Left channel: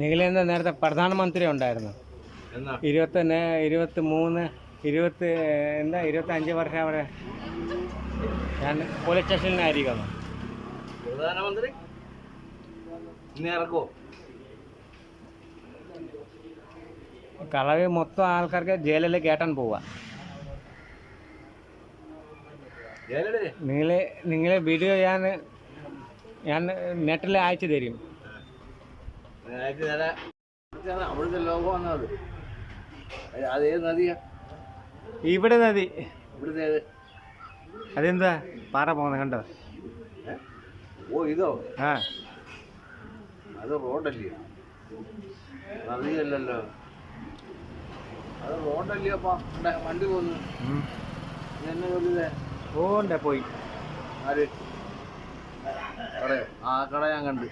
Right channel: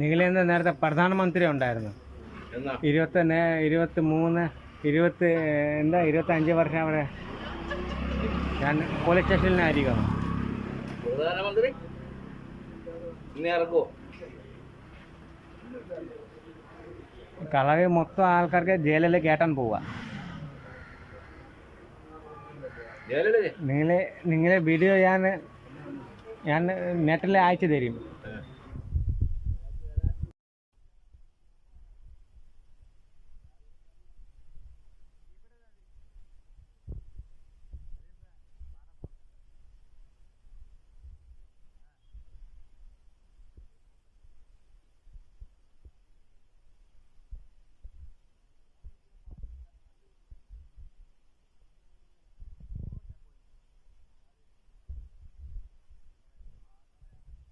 നിഖിലേന്ദ്ര നേരത്തെ പ്രധാനമന്ത്രി ഉണ്ടായിരുന്നു. 25 വർഷം അവിടെ ഞാൻ പോലീസ് സ്റ്റേഷനിലായിരിക്കുന്നു. പ്രധാനമന്ത്രി ഇറക്കുമോ? കളവ് മൊത്തം ആൾക്കാർക്ക് ജയിലിൽ കയറ്റാൻ പോവുക. നിങ്ങളെ വീഡിയോ ഞാൻ നെറ്റിൽ അയച്ചു തരും. അവിടുത്തെ ലോകം അതേത് നദിയാ? ഇവിടെ നദി. ഇവിടുത്തെ അതെന്താ പാറ പോകുന്നത് കണ്ടോ? ഓ ഇതോ? ആ അത് റോഡല്ലേ, നദിയല്ലല്ലോ. അത് റോഡല്ലേ? അപ്പാ വണ്ടി പോന്നു എന്നെ കൊല്ലുതേ. ഓണ്ട പോയി. ആര് കടയോ? ആ കട ഞാൻ കണ്ട്.